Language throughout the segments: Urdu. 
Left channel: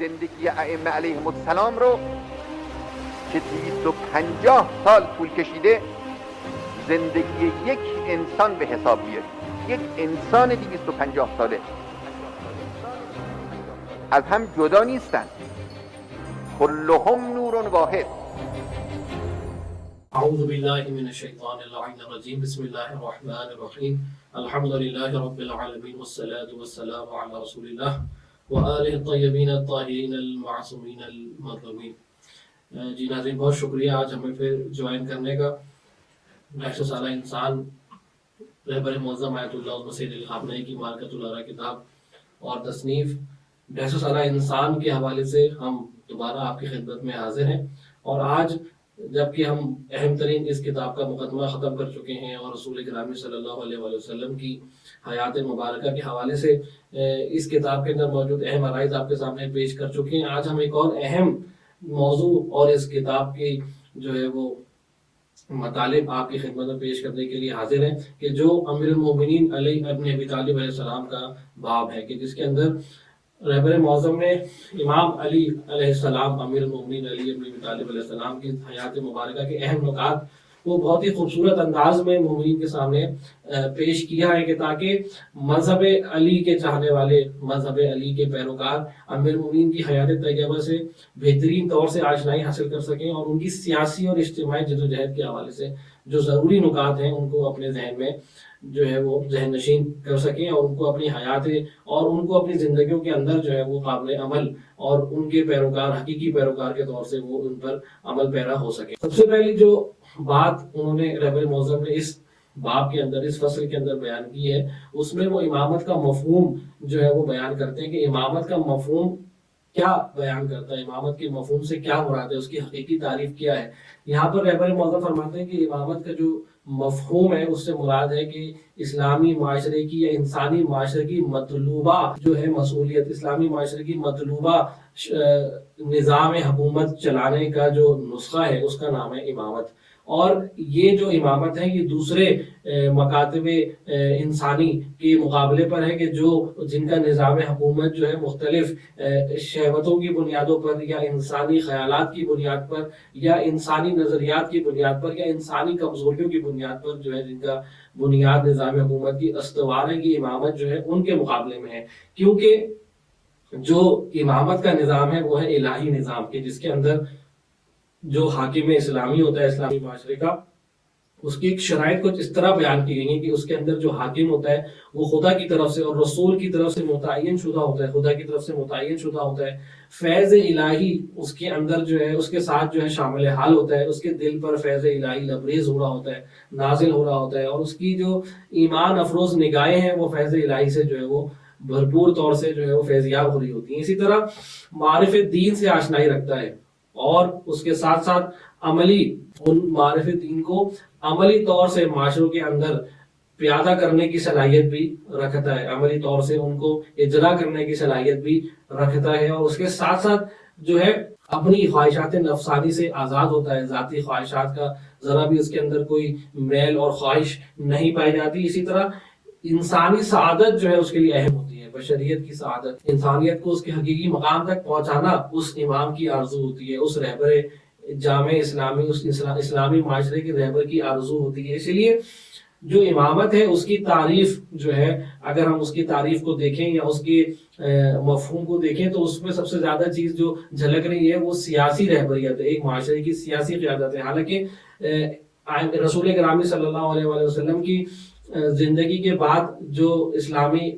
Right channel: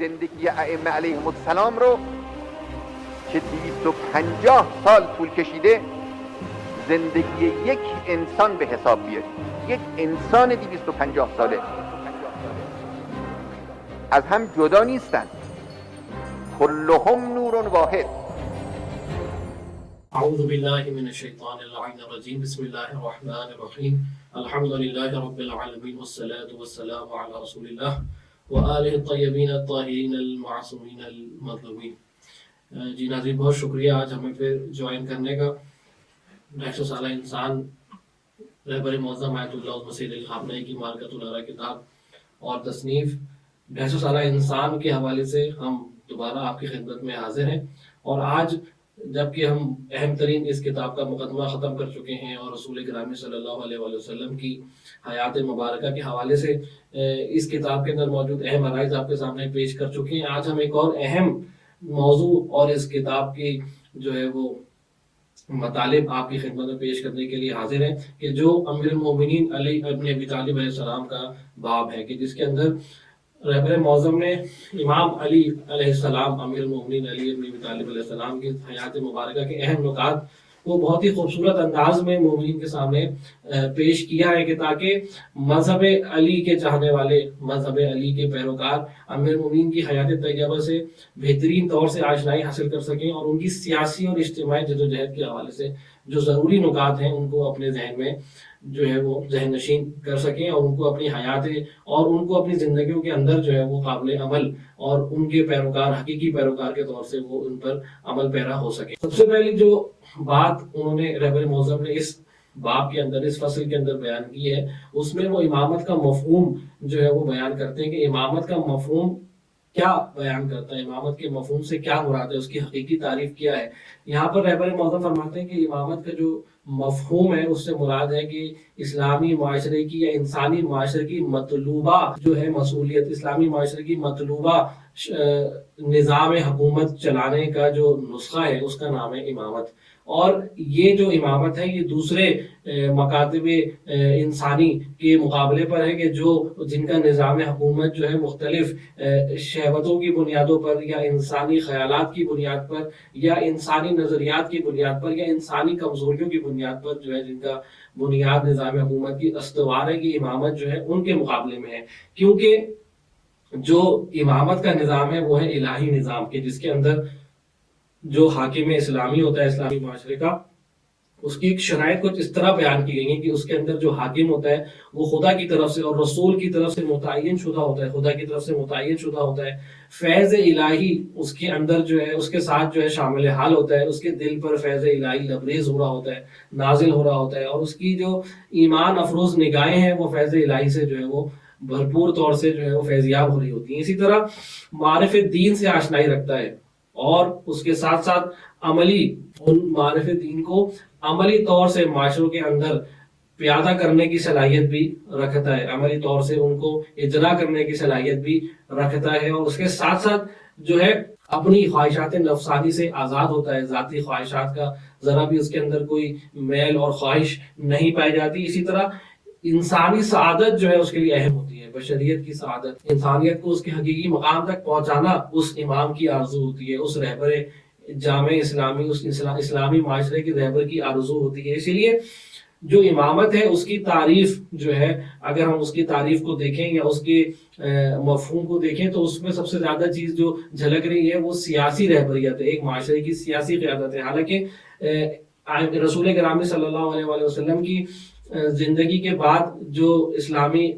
زندگی ائمه علیهم السلام رو که 250 سال طول کشیده زندگی یک انسان به حساب بیارید. یک انسان 250 ساله از هم جدا نیستن، كلهم نور واحد. اعوذ بالله من الشیطان اللعین الرجیم. بسم الله الرحمن الرحیم. الحمد لله رب العالمین والصلاة والسلام علی رسول الله وآلہ الطیبین الطاہرین المعصومین المظلومین. جی ناظرین، بہت شکریہ آج ہمیں پھر جوائن کرنے کا. 100 سالہ انسان رہبر معظم آیت اللہ مسعود الخامنئی کی مارکۃ الآراء کتاب اور تصنیف 150 سالہ انسان کے حوالے سے ہم دوبارہ آپ کی خدمت میں حاضر ہیں. اور آج جبکہ ہم اہم ترین اس کتاب کا مقدمہ ختم کر چکے ہیں اور رسول کرام صلی اللہ علیہ وآلہ وسلم کی حیات مبارکہ کے حوالے سے اس کتاب کے اندر موجود اہم عرائض آپ کے سامنے پیش کر چکے ہیں، آج ہم ایک اور اہم موضوع اور اس کتاب کی جو ہے وہ مطالب آپ کی خدمت میں پیش کرنے کے لیے حاضر ہیں کہ جو امیر المومنین علی ابن ابی طالب علیہ السلام کا باب ہے، کہ جس کے اندر رہبر معظم نے امام علی علیہ السلام، امیر المومنین علی ابن ابی طالب علیہ السلام کی حیات مبارکہ کے اہم نکات وہ بہت ہی خوبصورت انداز میں مومنین کے سامنے پیش کیا ہے کہ تاکہ مذہب علی کے چاہنے والے، مذہب علی کے پیروکار امیر المومنین کی حیات طیبہ سے بہترین طور سے آشنائی حاصل کر سکیں اور ان کی سیاسی اور اجتماعی جدوجہد کے حوالے سے جو ضروری نکات ہیں ان کو اپنے ذہن میں جو ہے وہ ذہن نشین کر سکیں اور ان کو اپنی حیات اور ان کو اپنی زندگیوں کے اندر جو ہے وہ قابل عمل اور ان کے پیروکار، حقیقی پیروکار کے طور سے وہ ان پر عمل پیرا ہو سکے. سب سے پہلی جو بات انہوں نے رہبر معظم نے اس باب کے اندر، اس فصل کے اندر بیان کی ہے، اس میں وہ امامت کا مفہوم جو ہے وہ بیان کرتے ہیں کہ امامت کا مفہوم کیا بیان کرتا ہے، امامت کے مفہوم سے کیا مراد ہے، اس کی حقیقی تعریف کیا ہے. یہاں پر رہبر معظم فرماتے ہیں کہ امامت کا جو مفہوم ہے اس سے مراد ہے کہ اسلامی معاشرے کی یا انسانی معاشرے کی مطلوبہ جو ہے مسئولیت، اسلامی معاشرے کی مطلوبہ نظام حکومت چلانے کا جو نسخہ ہے اس کا نام ہے امامت. اور یہ جو امامت ہے یہ دوسرے مکاتب انسانی کے مقابلے پر ہے کہ جو جن کا نظام حکومت جو ہے مختلف شہوتوں کی بنیادوں پر یا انسانی خیالات کی بنیاد پر یا انسانی نظریات کی بنیاد پر یا انسانی کمزوریوں کی بنیاد پر جو ہے جن کا بنیاد نظام حکومت کی استوار ہے، کی امامت جو ہے ان کے مقابلے میں ہے. کیونکہ جو امامت کا نظام ہے وہ ہے الہی نظام کے، جس کے اندر جو حاکم اسلامی ہوتا ہے اسلامی معاشرے کا، اس کی ایک شرائط کچھ اس طرح بیان کی گئی ہے کہ اس کے اندر جو حاکم ہوتا ہے وہ خدا کی طرف سے اور رسول کی طرف سے متعین شدہ ہوتا ہے، خدا کی طرف سے متعین شدہ ہوتا ہے. فیض الہی اس کے اندر جو ہے اس کے ساتھ جو ہے شامل حال ہوتا ہے، اس کے دل پر فیض الہی لبریز ہو رہا ہوتا ہے، نازل ہو رہا ہوتا ہے، اور اس کی جو ایمان افروز نگاہیں ہیں وہ فیض الہی سے جو ہے وہ بھرپور طور سے جو ہے وہ فیضیاب ہو رہی ہوتی ہیں. اسی طرح معرف دین سے آشنائی رکھتا ہے اور اس کے ساتھ ساتھ عملی ان معرف دین کو عملی طور سے معاشروں کے اندر پیادہ کرنے کی صلاحیت بھی رکھتا ہے، عملی طور سے ان کو اجرا کرنے کی صلاحیت بھی رکھتا ہے. اور اس کے ساتھ ساتھ جو ہے اپنی خواہشات نفسانی سے آزاد ہوتا ہے، ذاتی خواہشات کا ذرا بھی اس کے اندر کوئی میل اور خواہش نہیں پائی جاتی. اسی طرح انسانی سعادت جو ہے اس کے لیے اہم ہوتی ہے، بشریت کی سعادت، انسانیت کو اس کے حقیقی مقام تک پہنچانا اس امام کی آرزو ہوتی ہے، اس رہبر جامع اسلامی، اس اسلامی معاشرے کی رہبر کی آرزو ہوتی ہے. اسی لیے جو امامت ہے اس کی تعریف جو ہے، اگر ہم اس کی تعریف کو دیکھیں یا اس کے مفہوم کو دیکھیں تو اس میں سب سے زیادہ چیز جو جھلک رہی ہے وہ سیاسی رہبریت ہے، ایک معاشرے کی سیاسی قیادت ہے. حالانکہ رسول کرام صلی اللہ علیہ وآلہ وسلم کی زندگی کے بعد جو اسلامی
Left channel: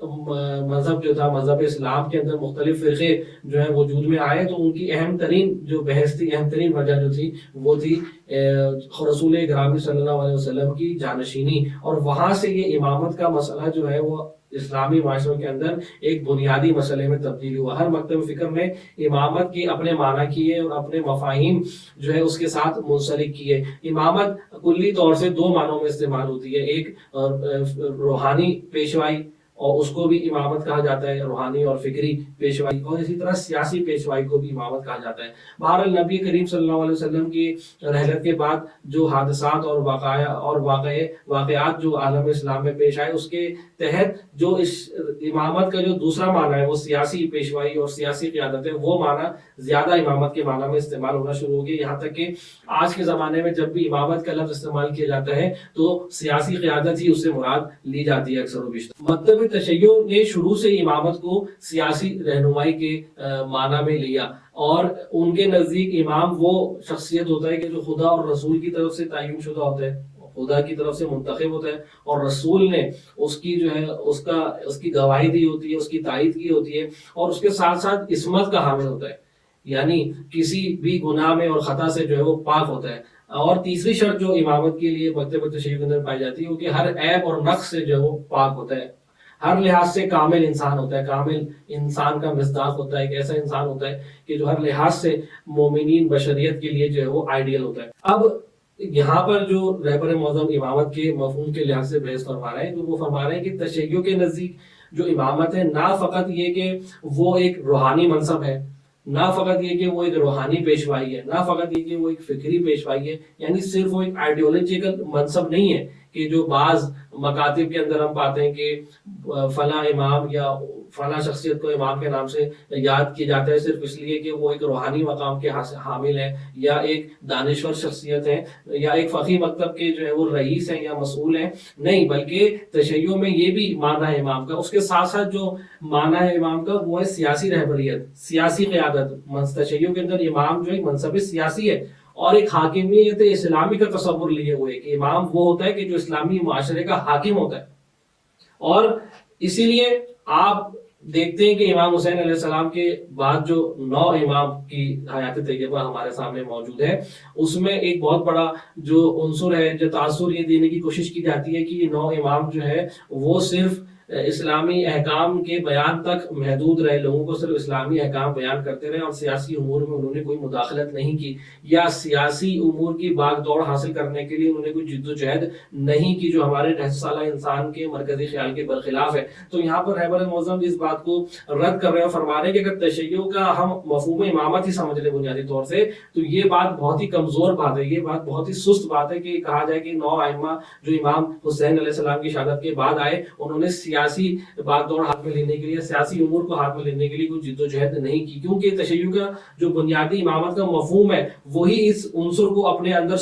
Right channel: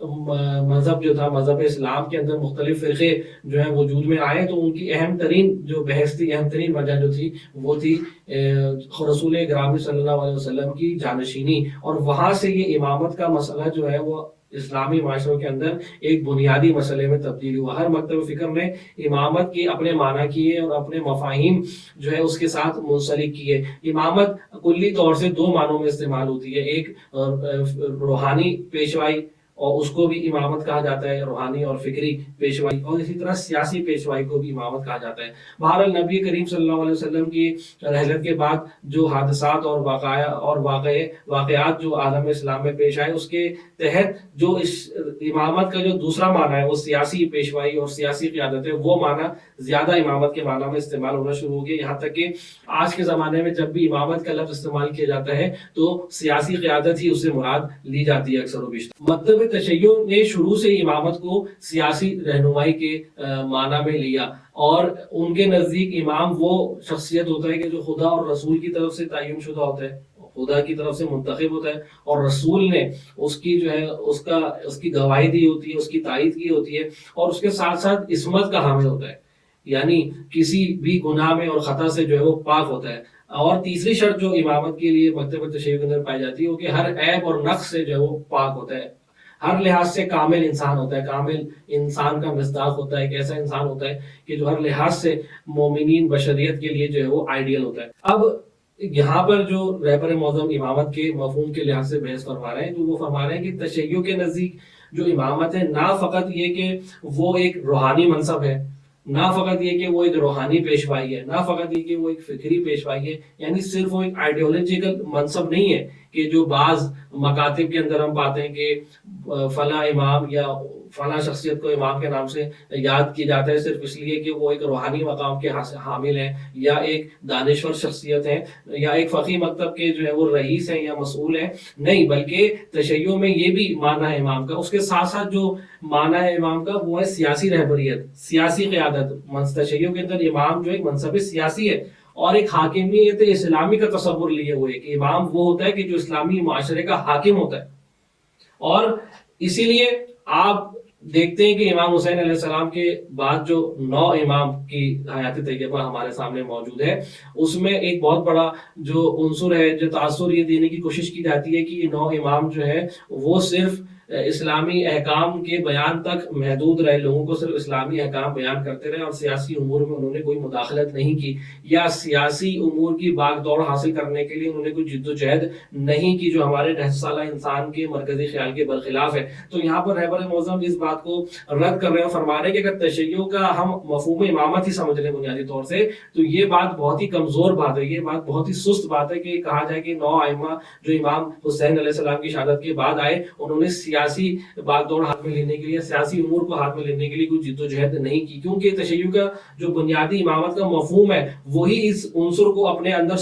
مذہب جو تھا، مذہب اسلام کے اندر مختلف فرقے جو ہیں وجود میں آئے تو ان کی اہم ترین جو بحث تھی، اہم ترین وجہ جو تھی وہ تھی رسول کرام صلی اللہ علیہ وسلم کی جانشینی. اور وہاں سے یہ امامت کا مسئلہ جو ہے وہ اسلامی معاشروں کے اندر ایک بنیادی مسئلے میں تبدیل ہوا. ہر مکتب فکر میں امامت کی اپنے معنی کیے اور اپنے مفاہیم جو ہے اس کے ساتھ منسلک کیے. امامت کلی طور سے دو معنوں میں استعمال ہوتی ہے، ایک روحانی پیشوائی اور اس کو بھی امامت کہا جاتا ہے، روحانی اور فکری پیشوائی، اور اسی طرح سیاسی پیشوائی کو بھی امامت کہا جاتا ہے۔ بہرحال نبی کریم صلی اللہ علیہ وسلم کی رحلت کے بعد جو حادثات اور واقعات جو عالم اسلام میں پیش آئے، اس کے تحت جو اس امامت کا جو دوسرا معنی ہے وہ سیاسی پیشوائی اور سیاسی قیادت ہے، وہ معنی زیادہ امامت کے معنی میں استعمال ہونا شروع ہو گیا، یہاں تک کہ آج کے زمانے میں جب بھی امامت کا لفظ استعمال کیا جاتا ہے تو سیاسی قیادت ہی اس سے مراد لی جاتی ہے اکثر و بیشتر۔ مکتب تشیع نے شروع سے امامت کو سیاسی رہنمائی کے معنی میں لیا، اور ان کے نزدیک امام وہ شخصیت ہوتا ہے کہ جو خدا اور رسول کی طرف سے تعین شدہ ہوتا ہے، خدا کی طرف سے منتخب ہوتا ہے، اور رسول نے اس کی جو ہے اس کی گواہی دی ہوتی ہے، اس کی تائید کی ہوتی ہے، اور اس کے ساتھ ساتھ عصمت کا حامل ہوتا ہے، یعنی کسی بھی گناہ میں اور خطا سے جو ہے وہ پاک ہوتا ہے۔ اور تیسری شرط جو امامت کے لیے مکتب تشیع کے اندر پائی جاتی ہے وہ کہ ہر عیب اور نقص سے جو ہے وہ پاک ہوتا ہے، ہر لحاظ سے کامل انسان ہوتا ہے، کامل انسان کا مصداق ہوتا ہے، ایک ایسا انسان ہوتا ہے کہ جو ہر لحاظ سے مومنین بشریت کے لیے جو ہے وہ آئیڈیل ہوتا ہے۔ اب یہاں پر جو رہبر معظم امامت کے مفہوم کے لحاظ سے بحث فرما رہے ہیں، تو وہ فرما رہے ہیں کہ تشیع کے نزدیک جو امامت ہے نہ فقط یہ کہ وہ ایک روحانی منصب ہے، نہ فقط یہ کہ وہ ایک روحانی پیشوائی ہے، نہ فقط یہ کہ وہ ایک فکری پیشوائی ہے، یعنی صرف وہ ایک آئیڈیولوجیکل منصب نہیں ہے کہ جو بعض مکاتب کے اندر ہم پاتے ہیں کہ فلاں امام یا فلاں شخصیت کو امام کے نام سے یاد کیا جاتا ہے صرف اس لیے کہ وہ ایک روحانی مقام کے حامل ہیں، یا ایک دانشور شخصیت ہیں، یا ایک فقیہ مکتب کے جو ہے وہ رئیس ہیں یا مسئول ہیں، نہیں، بلکہ تشیع میں یہ بھی معنی ہے امام کا، اس کے ساتھ ساتھ جو معنی ہے امام کا وہ ہے سیاسی رہبریت، سیاسی قیادت۔ تشیع کے اندر امام جو ایک منصب سیاسی ہے اور ایک حاکمیت اسلامی کا تصور لیے ہوئے کہ امام وہ ہوتا ہے کہ جو اسلامی معاشرے کا حاکم ہوتا ہے، اور اسی لیے آپ دیکھتے ہیں کہ امام حسین علیہ السلام کے بعد جو 9 امام کی حیات طیبہ ہمارے سامنے موجود ہے، اس میں ایک بہت بڑا جو عنصر ہے، جو تاثر یہ دینے کی کوشش کی جاتی ہے کہ یہ 9 امام جو ہے وہ صرف اسلامی احکام کے بیان تک محدود رہے، لوگوں کو صرف اسلامی احکام بیان کرتے رہے، اور سیاسی امور میں انہوں نے کوئی مداخلت نہیں کی، یا سیاسی امور کی باغ دوڑ حاصل کرنے کے لیے انہوں نے کوئی جد و جہد نہیں کی جو ہمارے 9 سالہ انسان کے مرکزی خیال کے برخلاف ہے۔ تو یہاں پر رہبر معظم اس بات کو رد کر رہے ہیں، فرما رہے ہیں کہ اگر تشیع کا ہم مفہوم امامت ہی سمجھ لیں بنیادی طور سے، تو یہ بات بہت ہی کمزور بات ہے، یہ بات بہت ہی سست بات ہے کہ کہا جائے کہ 9 ائمہ جو امام حسین علیہ السلام کی شہادت کے بعد آئے، انہوں نے سیاسی بات دوڑ ہاتھ میں لینے کے لیے، سیاسی امور کو ہاتھ میں لینے کے لیے کوئی جد و جہد نہیں کی، کیونکہ تشیع کا جو بنیادی امامت کا مفہوم ہے وہی اس عنصر کو اپنے اندر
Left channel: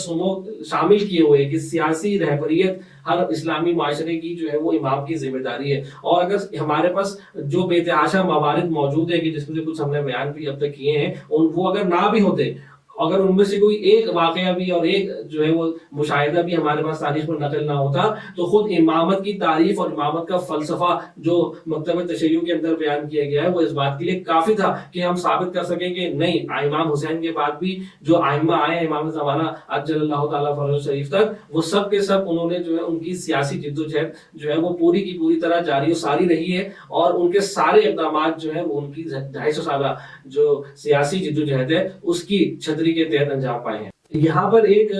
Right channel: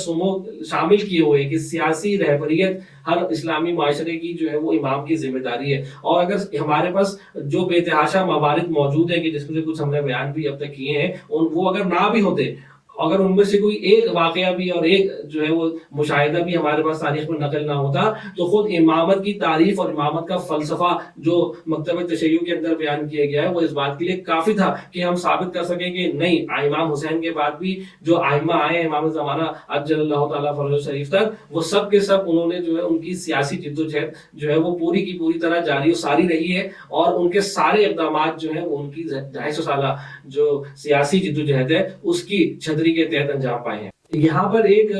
شامل کیے ہوئے ہیں کہ سیاسی رہبریت ہر اسلامی معاشرے کی جو ہے وہ امام کی ذمہ داری ہے۔ اور اگر ہمارے پاس جو بے تحاشا موارد موجود ہیں کہ جس میں سے کچھ ہم نے بیان بھی اب تک کیے ہیں، وہ اگر نہ بھی ہوتے، اگر ان میں سے کوئی ایک واقعہ بھی اور ایک جو ہے وہ مشاہدہ بھی ہمارے پاس تاریخ میں نقل نہ ہوتا، تو خود امامت کی تعریف اور امامت کا فلسفہ جو مکتب تشیع کے اندر بیان کیا گیا ہے وہ اس بات کے لیے کافی تھا کہ ہم ثابت کر سکیں کہ نہیں، امام حسین کے بعد بھی جو ائمہ آئے ہیں امام زمانہ عجل اللہ تعالیٰ فرجہ شریف تک، وہ سب کے سب انہوں نے جو ہے ان کی سیاسی جد و جہد جو ہے وہ پوری کی پوری طرح جاری و ساری رہی ہے، اور ان کے سارے اقدامات جو ہیں ان کی 250 سالہ جو سیاسی جد و جہد ہے اس کی چھتری کے تحت انجام پائے ہیں۔ یہاں پر ایک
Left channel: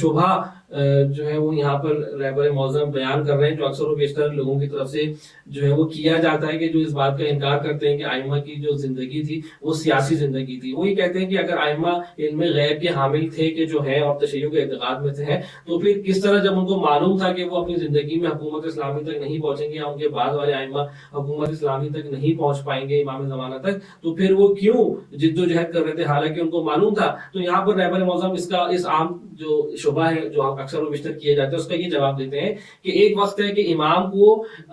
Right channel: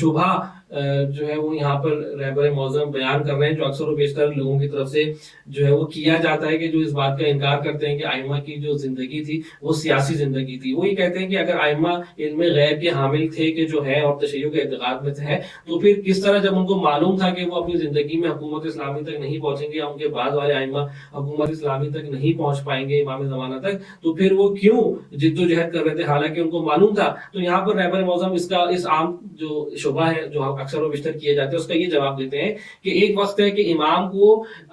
شبہ جو ہے وہ یہاں پر رہبر معظم بیان کر رہے ہیں، جو اکثر و بیشتر لوگوں کی طرف سے جو ہے وہ کیا جاتا ہے، کہ جو اس بات کا انکار کرتے ہیں کہ ائمہ کی جو زندگی تھی وہ سیاسی زندگی تھی۔ وہ یہ کہتے ہیں کہ اگر ائمہ علم غیب کے حامل تھے کہ جو ہے اور تشیع کے اعتقاد میں تھے، تو پھر کس طرح جب ان کو معلوم تھا کہ وہ اپنی زندگی میں حکومت اسلامی تک نہیں پہنچیں گے، یا ان کے بعد والے ائمہ حکومت اسلامی تک نہیں پہنچ پائیں گے امام زمانہ تک، تو پھر وہ کیوں جد و جہد کر رہے تھے حالانکہ ان کو معلوم تھا؟ تو یہاں پر رہبر معظم اس عام جو شبہ ہے جو اکثر و بیشتر کیے جاتے ہیں اس کا یہ جواب دیتے ہیں کہ ایک وقت ہے کہ امام کو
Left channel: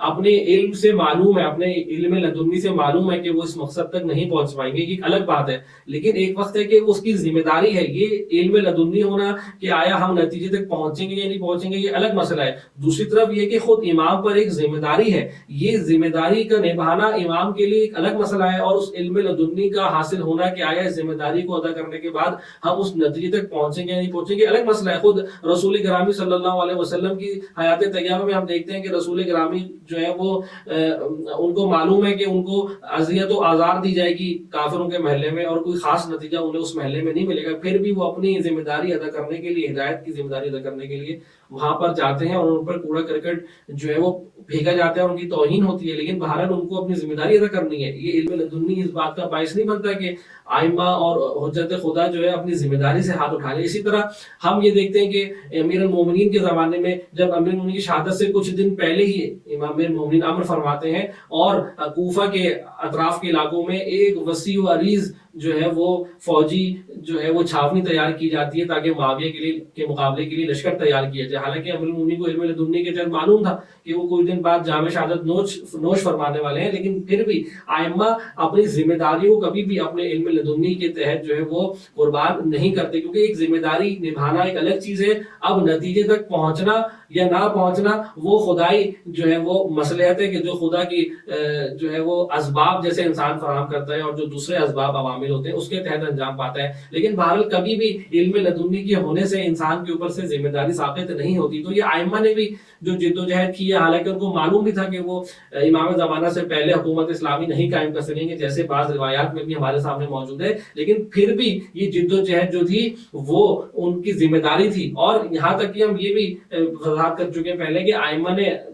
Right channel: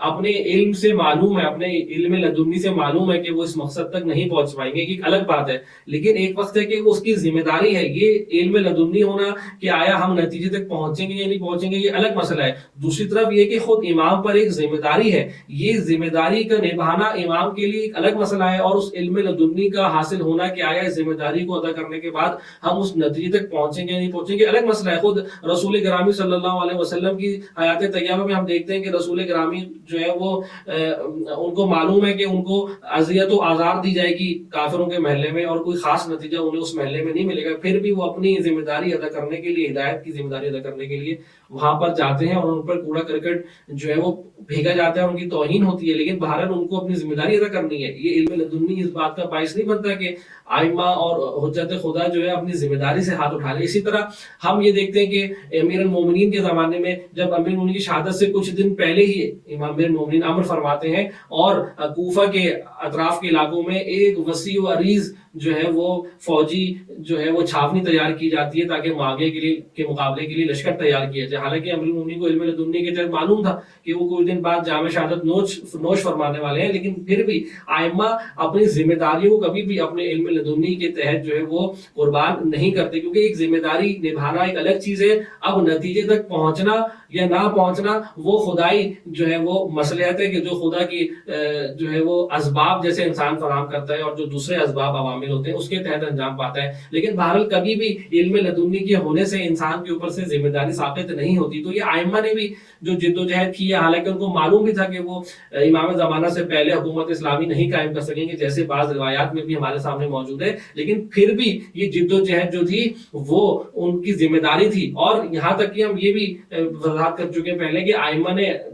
اپنے علم سے معلوم ہے، اپنے علم لدنی سے معلوم ہے کہ وہ اس مقصد تک نہیں پہنچ پائیں گے، ایک الگ بات ہے، لیکن ایک وقت ہے کہ اس کی ذمہ داری ہے، یہ علم لدنی ہونا کہ آیا ہم نتیجے تک پہنچیں گے یا نہیں پہنچیں گے یہ الگ مسئلہ ہے۔ دوسری طرف یہ کہ خود امام پر ایک ذمہ داری ہے، یہ ذمہ داری کا نبھانا امام کے لیے ایک الگ مسئلہ ہے، اور اس علم لدنی کا حاصل ہونا کہ آیا اس ذمہ داری کو ادا کرنے کے بعد ہم اس نتیجے تک پہنچیں گے یا نہیں پہنچیں گے الگ مسئلہ ہے۔ خود رسول گرامی صلی اللہ علیہ وسلم کی حیات طیبہ میں ہم دیکھتے ہیں کہ رسول گرامی جو ہے وہ ان کو معلوم ہے کہ ان کو اذیت و آزار دی جائے گی کافروں کے محلے میں، اور کوئی خاص نتیجہ انہیں اس محلے میں نہیں ملے گا، پھر بھی وہ اپنی ذمہ داری ادا کرنے کے لیے، ہدایت کی ذمہ داری ادا کرنے کے لیے وہاں پر جاتے ہیں، اور ان پر کوڑا کرکٹ جو ہے وہ بھیگا جاتا ہے اور ان کی توہین ہوتی ہے، لیکن بہرحال ان کو اپنی ذمہ داری ادا کرنی ہے. یہ علم لدنی اس بات کا باعث نہیں بنتا کہ آئمہ اور حجت خدا جو ہے اپنی ذمہ داری سے ہاتھ اٹھا لے. اسی طرح ہم یہ دیکھتے ہیں کہ امیر المومنین کے زمانے میں جب امیر المومنین کی شہادت سے کچھ دن پہلے ہی امام امیر المومنین امر فرماتے ہیں اور کوفہ کے اطراف کے علاقوں میں ایک وسیع و عریض جو ہے وہ فوجی جو ہے وہ چھاونی تیار کی جاتی ہے تاکہ معاویہ کے مقابلے کے لیے لشکر تیار کیا جائے. حالانکہ امیر المومنین کو علم لدنی کے تحت معلوم تھا کہ وہ کچھ دن بعد جامع شہادت نوش فرمانے والے ہیں، لیکن پھر بھی آئمہ اپنی ذمہ داریوں کو کبھی بھی اپنے علم لدنی کے تحت جو ہے وہ قربان نہیں کرتے، کیونکہ ایک ذمہ داری نبھانا ایک الگ چیز ہے، اب نتیجے تک پہنچنا یا نہ پہنچنا وہ خدائی جو ہے وہ مصلحت ہے کہ جو خدا کی جو ہے وہ اسباب جیسے انسان فراہم کرتا ہے اور جو دوسرے اسباب عوامل ہوتے ہیں اس کے تحت انجام پاتا ہے. لیکن بہرحال کبھی بھی علم لدنی کے ہونے سے انسان کے اوپر سے ذمہ داری ثابت نہیں ہوتی. تو یہ آئمہ نے بھی جو جد و جہد کی ہے، حالانکہ ان کو معلوم بھی تھا کہ وہ امام زمانہ سے پہلے حکومت اسلامی نہیں قائم کر سکیں گے جیسے بعض روایات میں بھی ہمارے سامنے موجود ہے، لیکن پھر بھی یہ جد و جہد جو تھی وہ ان کی ذمہ داری تھی. اور یہاں تک کہ ہم یہ بھی وضاحت کر چکے پہلے کہ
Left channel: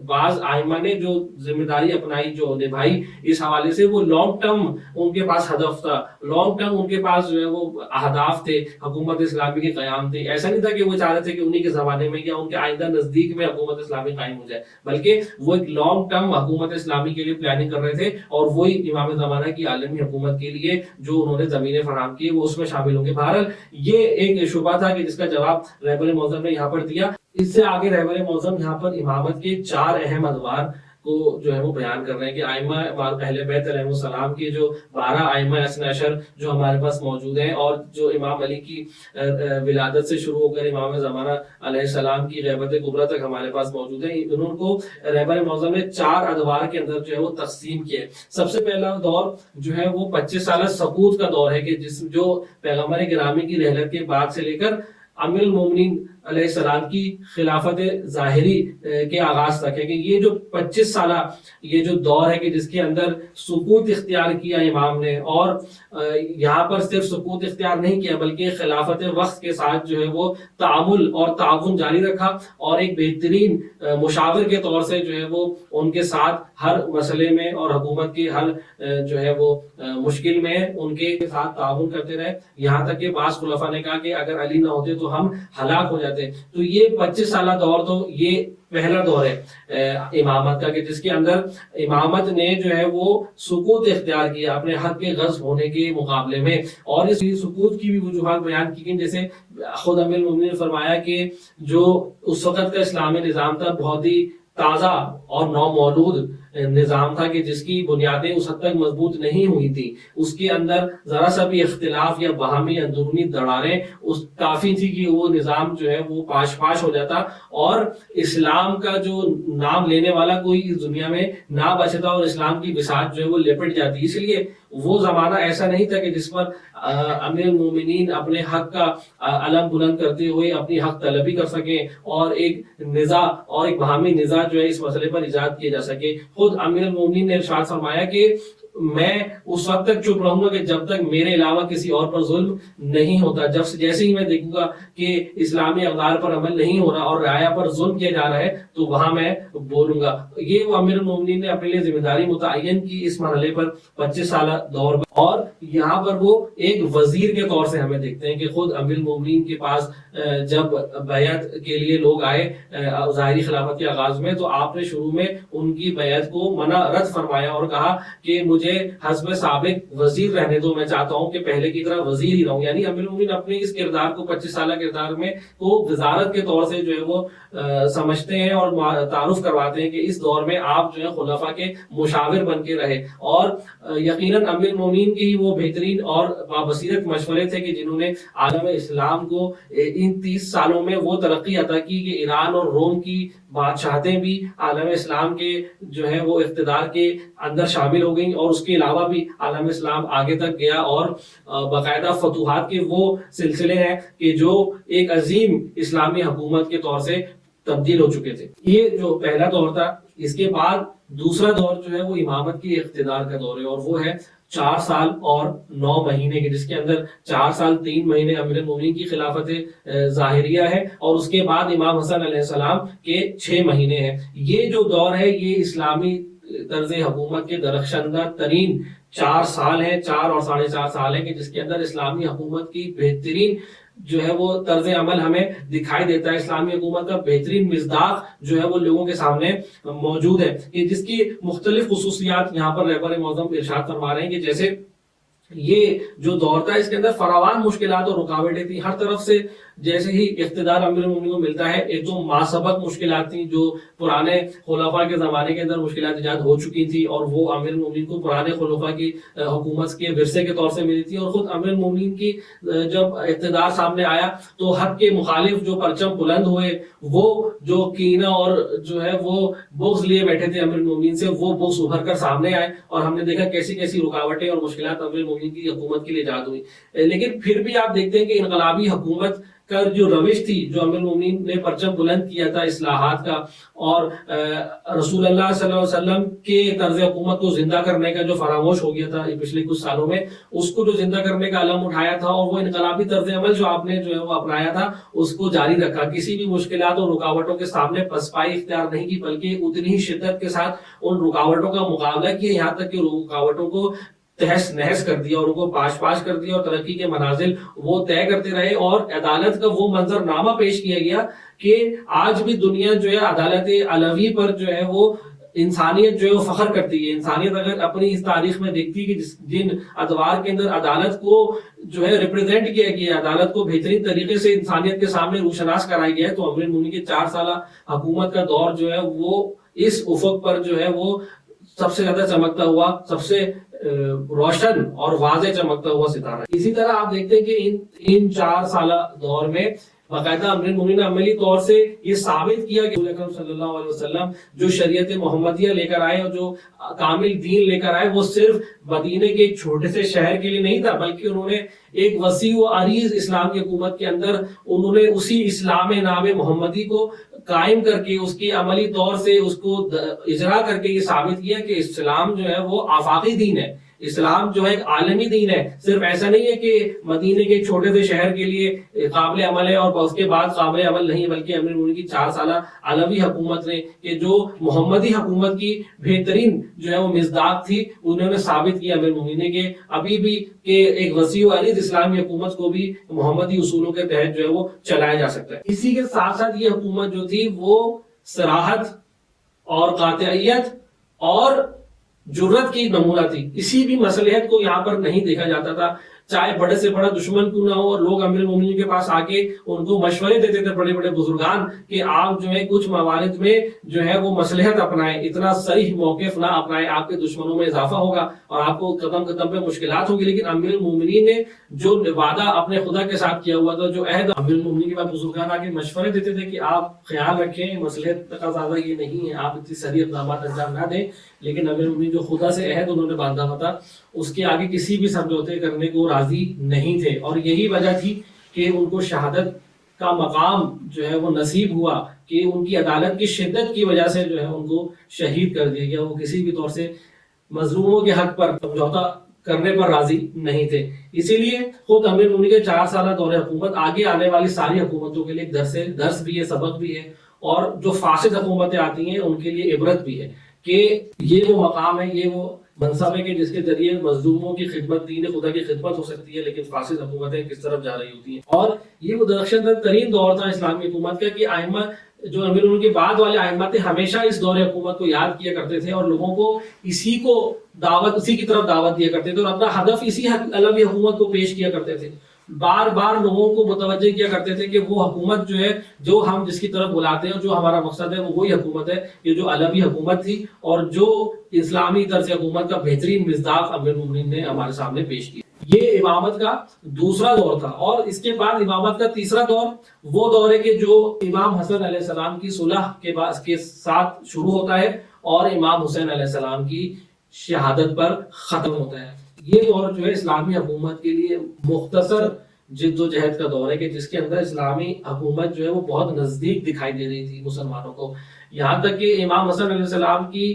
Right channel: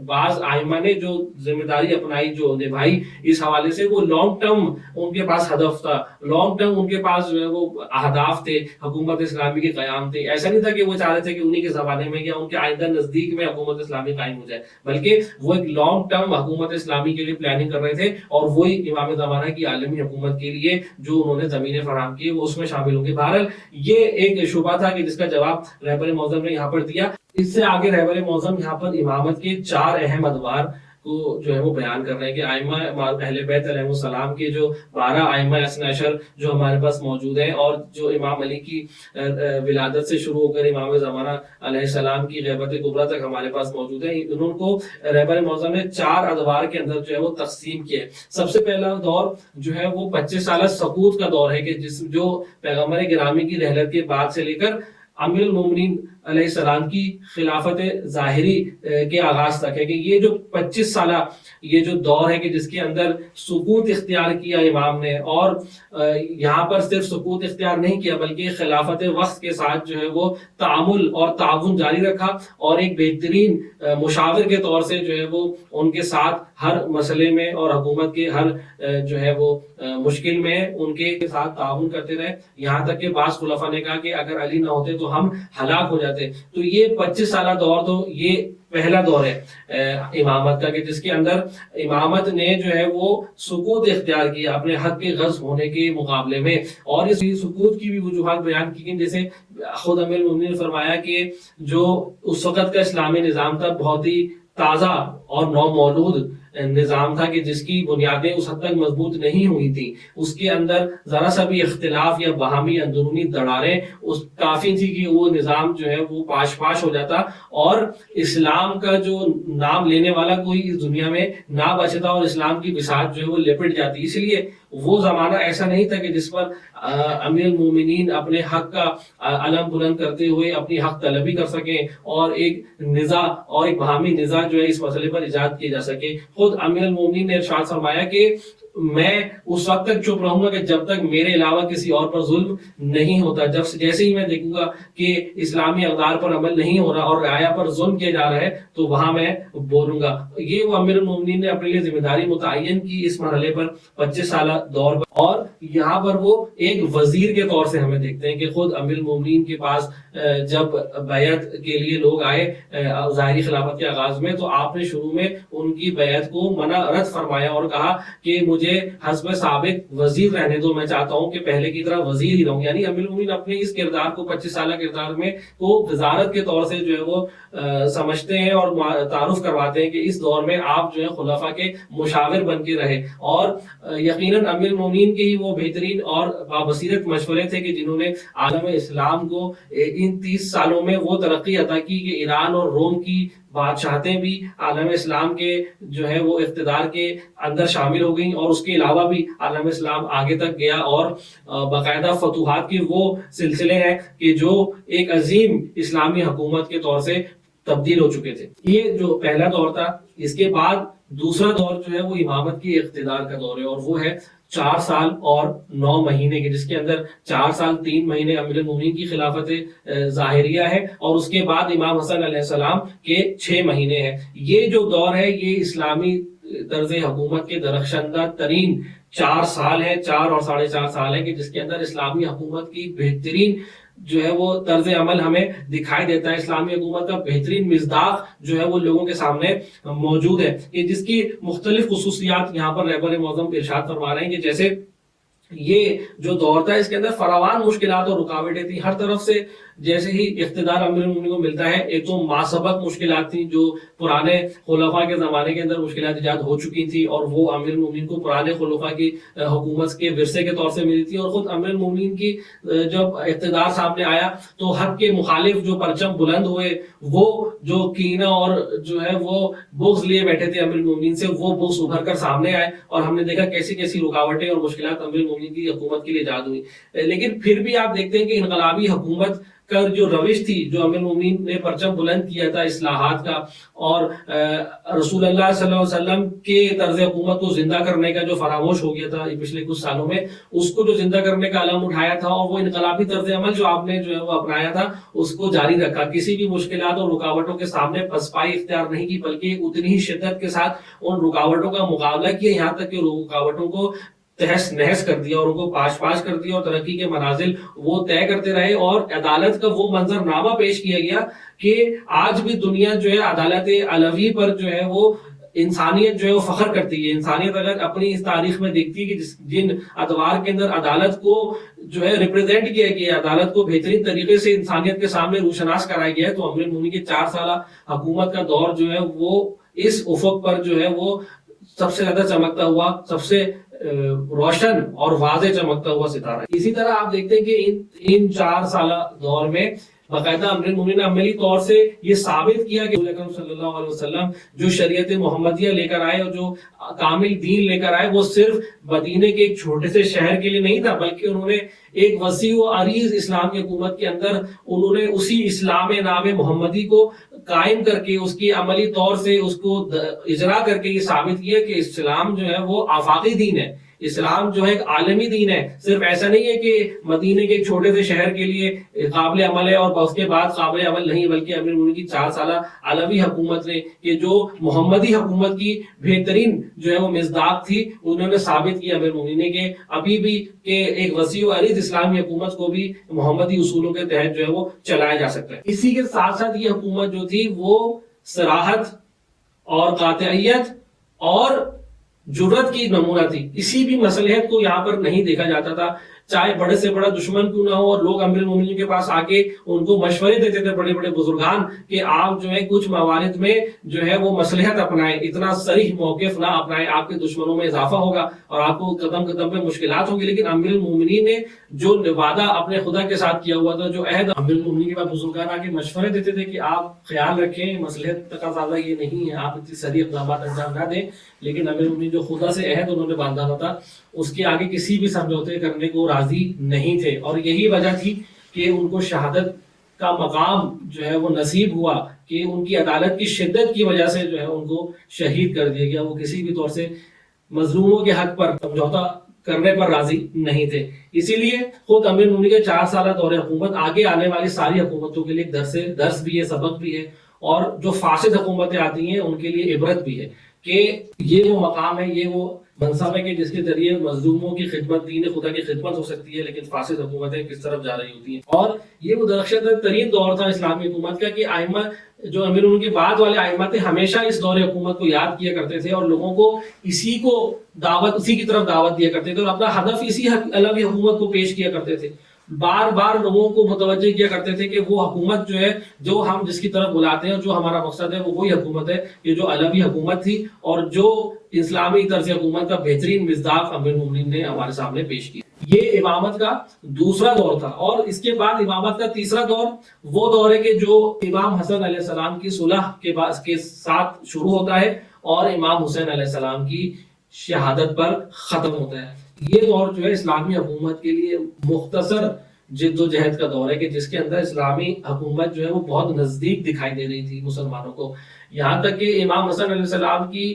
بعض آئمہ نے جو ذمہ داری اپنائی جو نبھائی اس حوالے سے وہ لانگ ٹرم ان کے پاس ہدف تھا، لانگ ٹرم ان کے پاس جو ہے وہ اہداف تھے حکومت اسلامی کے قیام تھے. ایسا نہیں تھا کہ وہ چاہ رہے تھے کہ انہی کے زمانے میں یا ان کے آئندہ نزدیک میں حکومت اسلامی قائم ہو جائے، بلکہ وہ ایک لانگ ٹرم حکومت اسلامی کے لیے پلاننگ کر رہے تھے اور وہی امام زمانہ کی عالمی حکومت کے لیے جو انہوں نے زمینیں فراہم کی وہ اس میں شامل ہوں گے. بہرحال یہ ایک شبہ تھا کہ جس کا جواب رہبر معظم نے یہاں پر دیا. اس سے آگے رہبر معظم یہاں پر امامت کے 4 اہم ادوار کو جو ہے وہ بیان کر رہے ہیں کہ آئمہ اہل بیت علیہ السلام کے جو 12 آئمہ اثنا عشر جو ہمارے پاس موجود ہیں اور جو امام علی کی ولادت سے شروع ہو کر امام زمانہ علیہ السلام کی غیبت کبریٰ تک ہمارے پاس موجود ہیں، انہوں کو رہبر معظم نے 4 ادوار کے اندر جو ہے وہ تقسیم کیا ہے. سب سے پہلا دور جو ہے وہ 25 سالہ سقوط کا دور ہے کہ جو پیغمبر گرامی کی رحلت کے بعد سے لے کر امیر المومنین علیہ السلام کی خلافت ظاہری کے آغاز تک ہے کہ یہ جو 25 سالہ یہ جو دور ہے کہ جس کے اندر سکوت اختیار کیا امام نے، اور یہاں پر صرف سکوت اختیار نہیں کیا بلکہ خلافت وقت کے ساتھ جو ہے وہ تعامل اور تعاون جاری رکھا اور ایک بہترین مشاور کے طور سے جو ہے وہ ان کے ساتھ ہر مسئلے میں اور حکومت کے ہر جو ہے وہ مشکل میں ان کے ساتھ تعاون کرتے رہے. یہاں تک کہ بعض خلفاء نے کہا کہ اگر علی نہ ہوتے تو ہم ہلاک ہو جاتے. تو یہ 25 سالہ دور تو یہ پہلا دور ہے امامت کا کہ جس کے اندر امامت نے جو ہے وہ سکوت اختیار کیا اپنے حق کے غصب ہونے کے مقابلے میں. اور اس سکوت کی بھی وجوہات بیان کی گئی، جیسے خود امیر المومنین نے فرمایا کہ جو اس وقت کا اسلامی نظام تھا بہت ہی تازہ اور نو مولود نظام تھا کہ جس کی بنیادیں اس حد تک مضبوط نہیں ہوئی تھی، اس کے اندر ذرا سا بھی اختلاف یا باہمی اندرونی دراڑیں کافی تھی کہ وہ نظام جو ہے وہ پاش پاش ہو جاتا اور اسلام کا جو نام لینے والا کوئی اس دنیا میں نہ بچتا اور اسلام کی بساط جو ہے وہ لپٹ جاتی. اس لیے وہ زمانہ ایسا نہیں تھا کہ جس پر امیر المومنین اپنے حق کا علم بلند کرتے ہوئے اپنی حق طلبی کر سکیں اور ایک نزاع اور ایک باہمی نزاع جو ہے اس مسئلے پر ایجاد کیے جا سکے. خود امیر المومنین نے ارشاد فرمایا کہ میں اس وقت تک چپ رہوں گا کہ جب تک میرے علاوہ کسی اور پر ظلم نہیں ہوتا. جیسے ہی میں دیکھوں گا کہ اسلامی اقدار پر عمل نہیں ہو رہا اور رعایا پر ظلم کیا جا رہا ہے تو وہاں میں بولوں گا. یہ وہ امیر المومنین نے اپنے لیے ذمہ داری متعین کی اس مرحلے پر 25 سالہ دور پر. اور یہاں پر وہ ایک وزیر کے طور سے ہمیں دیکھتے ہیں کہ خود امیر المومنین کے پاس جب بیعت کے لیے لوگ آئے ظاہری خلافت کے آغاز میں تو آپ نے شروع میں ان کی بیعت کو منع رد فرمایا اور کہا کہ مجھے حسب سابق وزیر رہنے دو، میں چاہتا ہوں کہ پہلے کی طرح وزیر ہی رہوں. یعنی امیر المومنین اپنے اس کردار کو 25 سالہ کردار میں کو وزارت کے طور سے جو ہے وہ سمجھتے ہیں اور تعارف کرواتے ہیں کہ اس دور میں آپ جو ہے خلفاء کے مشاور بن کے رہے. اور یقیناً امیر المومنین کے وہ بہترین اور بابصیرت مشورے تھے کہ جنہوں نے عالم اسلام کو ان 30 سالوں میں وہ ترقی عطا کی کہ ایران اور روم کی بادشاہتیں بھی عالم اسلام کے جو ہے وہ اقتدار کے اندر شامل ہو گئیں اور اس کے علاوہ بھی عالم اسلام آگے تک گیا اور باقاعدہ فتوحات کے وہ سلسلے ہیں کہ جو ایک عظیم اسلامی حکومت کے طور سے تبدیل ہو چکے تھے. یہ جو پہلا دور تھا. اس کے بعد دوسرا دور جو ہے وہ امامت کی اقتدار کا دور ہے اور وہ ہے 4 سال اور 9 مہینے کے، جس کے اندر 4 سال 3 مہینے امیر المومنین کی خلافت ظاہریہ ہے اور اس کے بعد امام حسن علیہ السلام کے 6 مہینے ہیں۔ یہ جو دور ہے یہ اسلامی طرز حکومت کے درخشندہ ترین 4 سال ہے، 4 اور 4.5 سال ہے، کہ جس کے اندر اسلامی حکومت کی بہترین جو ہے وہ طرز عمل ہمیں دکھائی دیتا ہے، اسلامی حکومت کا بہترین مصداق جو ہے وہ لوگوں کے سامنے موجود ہے، کہ جس کی مختلف خصوصیات یہاں پر رہبر معظم ارشاد فرما رہے ہیں، کہ جیسے یہ جو دور تھا اس کے اندر فراوان مشکلات اور رکاوٹیں تھیں ہر طرف سے۔ جیسے ہی اقتدار امیر المومنین کو ملتا ہے، ایک تو ماسبق مشکلات تھیں جو پرانے خلفاء کے زمانے کے اندر مشکلات ایجاد ہو چکی تھی، اور وہ امیر المومنین کو پرانے خلفاء کی حکومت کے ورثے کے طور سے ملی تھی، اور خود امیر المومنین کی جب اقتدار سامنے آیا تو حق کے مخالف جو پرچم بلند ہوئے، وہ جو کینہ اور جو ہے وہ بغض لیے بیٹھے تھے امیر المومنین سے، وہ بغض ابھر کر سامنے آئے، اور ہم نے دیکھا کیسی کیسی رکاوٹیں اور مشکلات امیر المومنین کی حکومت کے لیے ایجاد ہوئی۔ لیکن پھر بھی آپ دیکھتے ہیں کہ انقلابی حکومت کا جو روش تھی، جو امیر المومنین نے پرچم بلند کیا تھا اصلاحات کا، اور رسول اللہ صلی اللہ علیہ وسلم کے طرز حکومت کو زندہ کرنے کا جو فراموش ہو گیا تھا پچھلے کچھ سالوں میں، اس کو جو زندہ کرنے کا علم اٹھایا تھا، اور وہ انقلابی طرز عمل جو آپ نے جو ہے وہ اپنایا تھا اس کو جاری رکھا، کسی بھی مشکلات اور رکاوٹوں کے سامنے پسپائی اختیار نہیں کی، بلکہ اتنی ہی شدت کے ساتھ ان رکاوٹوں کا مقابلہ کیا، یہاں تک کہ رکاوٹوں کو تہس نہس کر دیا اور ان کو پاش پاش کر دیا، اور ترقی کے منازل وہ طے کرتے رہے، اور عدالت کا وہ منظرنامہ پیش کیا گیا کہ آج بھی دنیا جو ہے عدالت علوی پر جو ہے وہ انسانیت جو ہے وہ فخر کرتی ہے۔ انسانیت اگر اپنی اس تاریخ میں دیکھتی ہے کہ جن ادوار کے اندر عدالت کو جو ہے ریپرزینٹ کیا گیا، عدالت کو بہترین طریقے سے انسانیت کے سامنے روشناس کرایا گیا ہے، تو امیر المومنین کے 4 سالہ حکومت کا دور جو ہے وہ اس افق پر جو ہے وہ سب سے زیادہ چمکتا ہوا، سب سے روشن اور واضح چمکتا ہوا ستارہ۔ اسی طرح آپ دیکھتے ہیں کہ ان 4 سالہ دور میں باقاعدہ امیر المومنین نے عملی طور سے یہ ثابت کیا کہ رسول اکرم صلی اللہ علیہ وسلم جو شریعت محمدیہ لے کر آئے اور جو کامل دین لے کر آئے، وہ صرف مدینے کے ایک چھوٹے سے شہر کے لیے نہیں تھا، بلکہ انہوں نے ایک وسیع و عریض اسلام کی حکومت کے اندر انہوں نے اسی اسلام نام محمدی کو قائم کر کے اس کی عملی طور سے اس کو اجرا کر کے یہ ثابت کیا کہ اسلام جو ہے وہ آفاقی دین ہے، اسلام جو ہے ایک عالمی دین ہے۔ صرف ایسا نہیں ہے کہ مدینے کے ایک چھوٹے سے شہر کے لیے قابل عمل ہے اور اس کے بعد قابل عمل نہیں، بلکہ امیر المومنین کی 4 سالہ علوی حکومت نے کہ جو محمدی حکومت کی بہترین جو ہے وہ مصداق تھی، انہوں نے ثابت کیا امیر المومنین نے کہ ابھی بھی کہ ایک وسیع و عریض اسلامی حکومت کو بھی محمدی اصولوں کے تحت جو ہے وہ چلایا جا سکتا ہے۔ اسی کے ساتھ ساتھ یہ حکومت جو تھی وہ صراحت اور قاطعیت اور جرت کی نمونہ تھی، کسی بھی مصلحت کو یہاں پر نہیں دیکھا جاتا تھا، چاہے بڑے سے بڑا دشمن کیوں نہ ہو، اور لوگ امیر المومنین کے پاس آ کے ان کو مشورے دیتے تھے بڑے بڑے بزرگان کہ آپ جو ہے کچھ موارد میں جو ہے وہ مصلحت اپنائیں، اتنا صریح موقف نہ اپنائیں، آپ کے دشمنوں میں اضافہ ہوگا اور آپ کو قدم قدم پہ مشکلات ہوگی۔ لیکن امیر المومنین نے جو وعدہ اپنے خدا کے ساتھ کیا ہوا تھا، جو عہد امیر المومنین کے پاس بزرگان آ کے مشورے دیتے تھے کہ آپ خیال رکھیں، مصلحت کا زیادہ یہ نہیں ہے، آپ اتنی صریح اقدامات انجام نہ دیں، لیکن امیر المومنین جو خدا سے عہد انہوں نے باندھا ہوا تھا اس کے آگے کسی بھی سمجھوتے کرنے کو راضی نہیں تھے، اور یہی وجہ تھی کہ ان کو شہادت کا مقام جو ہے وہ نصیب ہوا، کہ ان کی عدالت کی شدت کی وجہ سے جو ہے ان کو شہید کر دیا گیا، وہ کسی بھی طور سے مظلوموں کے حق پر سمجھوتا کرنے پر راضی نہیں تھے۔ اسی لیے خود امیر المومنین کے 4 سالہ دور حکومت آگے آنے والی ساری حکومتوں کے لیے ایک درس بھی ہے، سبق بھی ہے، اور جو فاسد حکومتیں آتی ہیں ان کے لیے عبرت بھی ہے کہ یہ وہ مقام ہے، یہ وہ منصب ہے کہ جس کے ذریعے مظلوموں کی خدمت، دین خدا کی خدمت ہو سکتی ہے، لیکن فاسد حکومتیں کس طرف جا رہی ہوتی ہیں۔ اور یہ وہ درخشندہ ترین دور تھا اسلامی حکومت کا کہ ائمہ جو امیر المومنین کے بعد والے ائمہ تھے ہمیشہ اس دور حکومت کو یاد کیا کرتے تھے اور لوگوں کو اسی کی طرف دعوت دیا کرتے تھے اور اپنا ہدف اسی علوی حکومت کو پیش کیا کرتے تھے، بار بار لوگوں کو متوجہ کیا کرتے تھے کہ وہ حکومت جو ہے جو ہم جس کی طرف بلاتے ہیں، جو ہمارا مقصد ہے، وہ وہی حکومت ہے، یہ جو علوی حکومت تھی اور جو اسلامی طرز حکومت کا بہترین مصداق امیر المومنین نے ہمارے سامنے پیش کیا۔ یہ امامت کا دوسرا دور تھا، اور اس کے بعد امامت کا تیسرا دور وہ دور ہے کہ جو امام حسن علیہ السلام کی صلح کے ساتھ شروع ہوتا ہے اور امام حسین علیہ السلام کی شہادت پر ختم ہوتا ہے۔ یہ دور جو ہے اسلامی حکومت کے لیے مختصر جد و جہد کا دور ہے کہ جس کے اندر اسلامی حکومت جو ہے وہ بہت نزدیک دکھائی دے رہی تھی مسلمانوں کو. یہاں تک کہ امام حسن علیہ السلام کی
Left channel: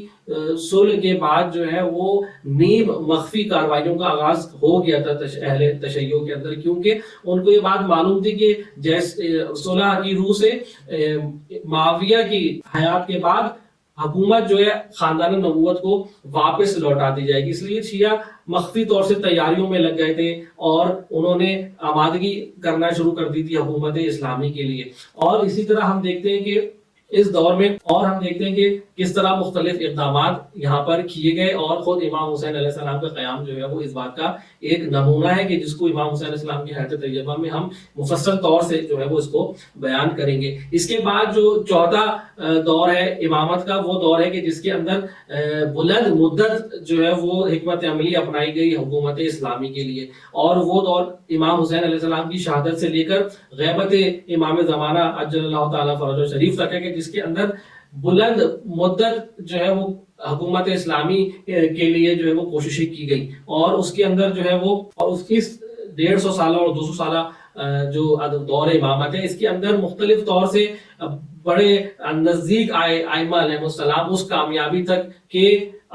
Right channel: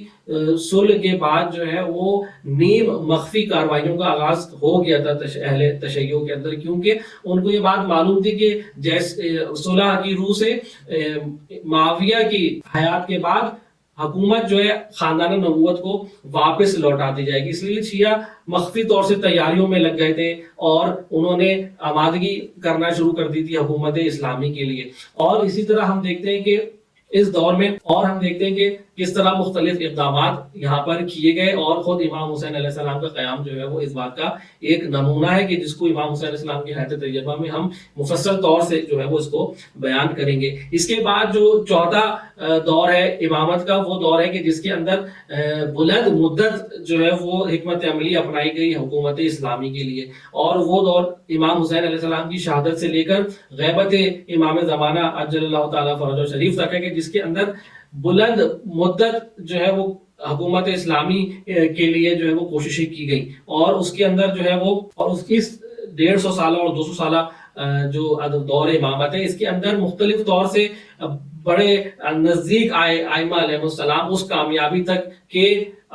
صلح کے بعد جو ہے وہ نیم مخفی کارروائیوں کا آغاز ہو گیا تھا اہل تشیع کے اندر، کیونکہ ان کو یہ بات معلوم تھی کہ جیسے صلح کی روح سے معاویہ کی حیات کے بعد حکومت جو ہے خاندان نبوت کو واپس لوٹا دی جائے گی. اس لیے شیعہ مخفی طور سے تیاریوں میں لگ گئے تھے اور انہوں نے آمادگی کرنا شروع کر دی تھی حکومت اسلامی کے لیے. اور اسی طرح ہم دیکھتے ہیں کہ اس دور میں کہ کس طرح مختلف اقدامات یہاں پر کیے گئے، اور خود امام حسین علیہ السلام کا قیام جو ہے وہ اس بات کا ایک نمونہ ہے کہ جس کو امام حسین علیہ السلام کی حیات طیبہ میں ہم مفصل طور سے جو ہے وہ اس کو بیان کریں گے. اس کے بعد جو چوتھا دور ہے امامت کا، وہ دور ہے کہ جس کے اندر بلند مدت جو ہے وہ حکمت عملی اپنائی گئی حکومت اسلامی کے لیے، اور وہ دور امام حسین علیہ السلام کی شہادت سے لے کر غیبت امام زمانہ عجل اللہ تعالیٰ فرجہ شریف تک ہے، کہ جس کے اندر بلند مدت جو ہے وہ حکومت اسلامی کے لیے جو ہے وہ کوششیں کی گئی. اور اس کے اندر جو ہے وہ اور اس کی 150 سالہ اور 200 سالہ جو دور امامت ہے، اس کے اندر مختلف طور سے بڑے نزدیک آئے ائمہ علیہ السلام اس کامیابی تک کہ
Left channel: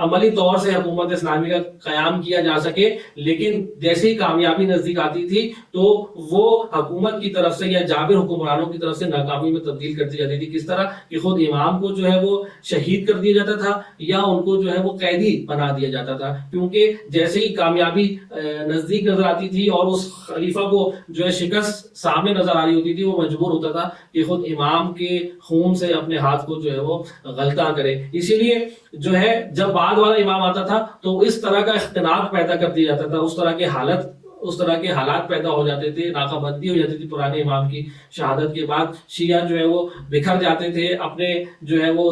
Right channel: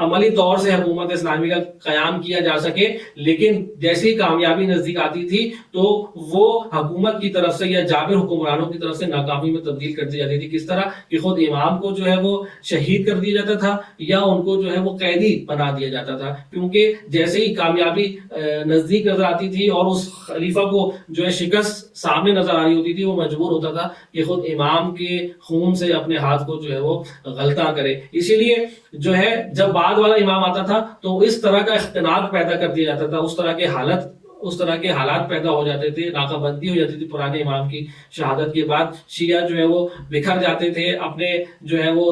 عملی طور سے حکومت اسلامی کا قیام کیا جا سکے. لیکن جیسی کامیابی نزدیک آتی تھی تو وہ حکومت کی طرف سے یا جابر حکمرانوں کی طرف سے ناکامی میں تبدیل کر دی جاتی تھی. کس طرح کہ خود امام کو جو ہے وہ شہید کر دیا جاتا تھا یا ان کو جو ہے وہ قیدی بنا دیا جاتا تھا، کیونکہ جیسے ہی کامیابی نزدیک نظر آتی تھی اور اس خلیفہ کو جو ہے شکست سامنے نظر آ رہی ہوتی تھی، وہ مجبور ہوتا تھا کہ خود امام کے خون سے اپنے ہاتھ کو جو ہے وہ غلطہ کرے. اسی لیے جو ہے جب بعد والا امام آتا تھا تو اس طرح کا اختلاف پیدا کر دیا جاتا تھا، اس طرح کے حالات پیدا ہو جاتے تھے، ناکہ بندی ہو جاتی تھی پرانے امام کی شہادت کے بعد. شیعہ جو ہے وہ بکھر جاتے تھے، اپنے جو ہے وہ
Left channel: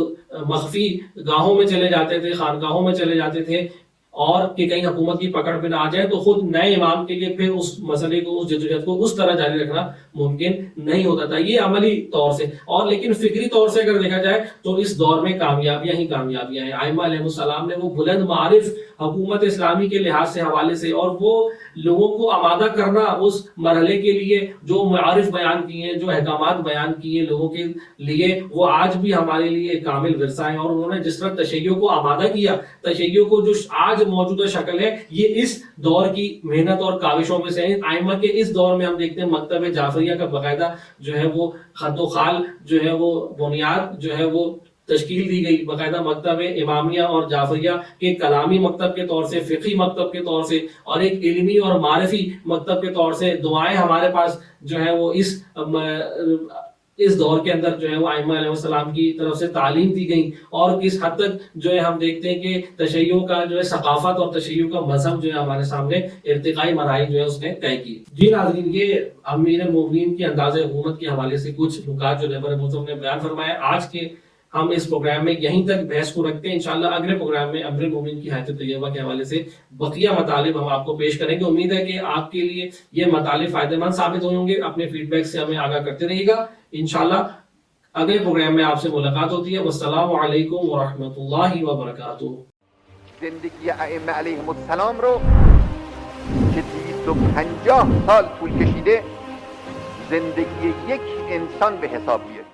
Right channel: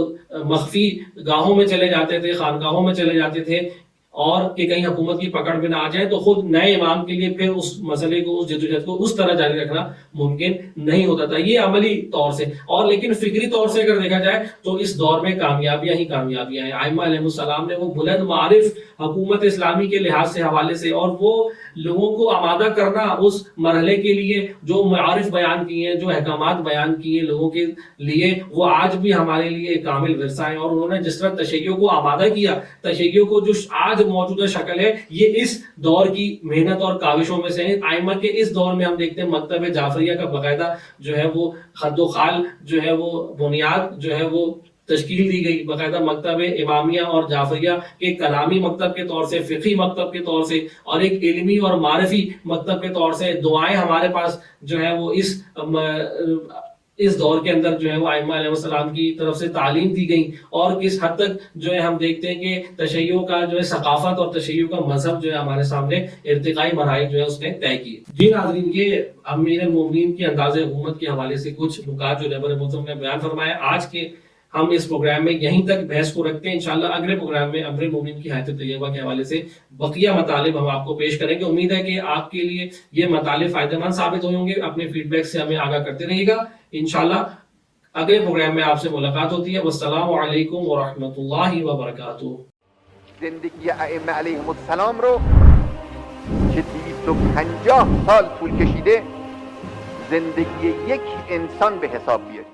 مخفی گاہوں میں چلے جاتے تھے، خانقاہوں میں چلے جاتے تھے، اور کہ کہیں حکومت کی پکڑ بھی نہ آ جائے. تو خود نئے امام کے لیے پھر اس مسئلے کو، اس جدوجہد کو اس طرح جاری رکھنا ممکن نہیں ہوتا تھا. یہ عملی طور سے. اور لیکن فکری طور سے اگر دیکھا جائے تو اس دور میں کامیابیاں ہی کامیابیاں ہیں. ائمہ علیہ السلام نے وہ بلند معارف حکومت اسلامی کے لحاظ سے حوالے سے اور وہ لوگوں کو آمادہ کرنا اس مرحلے کے لیے جو معارف بیان کیے ہیں، جو احکامات بیان کیے لوگوں کے لیے، وہ آج بھی ہمارے لیے کامل ورثہ ہیں. اور انہوں نے جس طرح تشیع کو آمادہ کیا، تشیع کو جو آج موجودہ شکل ہے، یہ اس دور کی محنت اور کاوشوں میں سے ہے. ائمہ کے اس دور میں ہم دیکھتے ہیں مکتب جعفریہ کا باقاعدہ جو ہے وہ خط و خال جو ہے وہ بنیاد جو ہے وہ تشکیل دی گئی. باقاعدہ مکتب امامیہ اور جعفریہ کے کلامی مکتب کے طور سے، فقہی مکتب کے طور سے، اور ایک علمی اور معرفی مکتب کے طور سے دعائیں ہمارے پاس جو ہے وہ اس دور کے اندر جو ہے وہ ائمہ علیہ السلام کی طرف سے تعلیم دی گئی. اور کس حد تک جو ہے ہم دیکھتے ہیں کہ تشیع کا جو ہے ثقافت اور تشیع کا مذہب جو ہے ہمارے سامنے ارتقائی مراحل جو ہے اس نے طے کیے. جی ناظرین، یہ امیر المومنین کے انداز حکومت کے حوالے سے کچھ نکات جو رہبر محترم نے بیان فرمایا. آج کے ہم اس پروگرام میں یہیں تک بحث کو رکھتے ہیں. انشاءاللہ اگلے پروگرام میں امیر المومنین کی حیات طیبہ کے حوالے سے بقیہ مطالب ہم آپ کو پیش کریں گے. امید ہے کہ آپ کے لیے یہ مطالب فائدہ مند ثابت ہوں گے. اپنے فیڈ بیک سے ہمیں آگاہ کرتے رہیے گا. انشاءاللہ اگلے پروگرام میں آپ سے ملاقات ہوتی ہے. والسلام علیکم ورحمۃ اللہ وبرکاتہ. زندگی ائمه علیهم السلام رو که 250 سال طول کشیده زندگی یک انسان به حساب بیارید.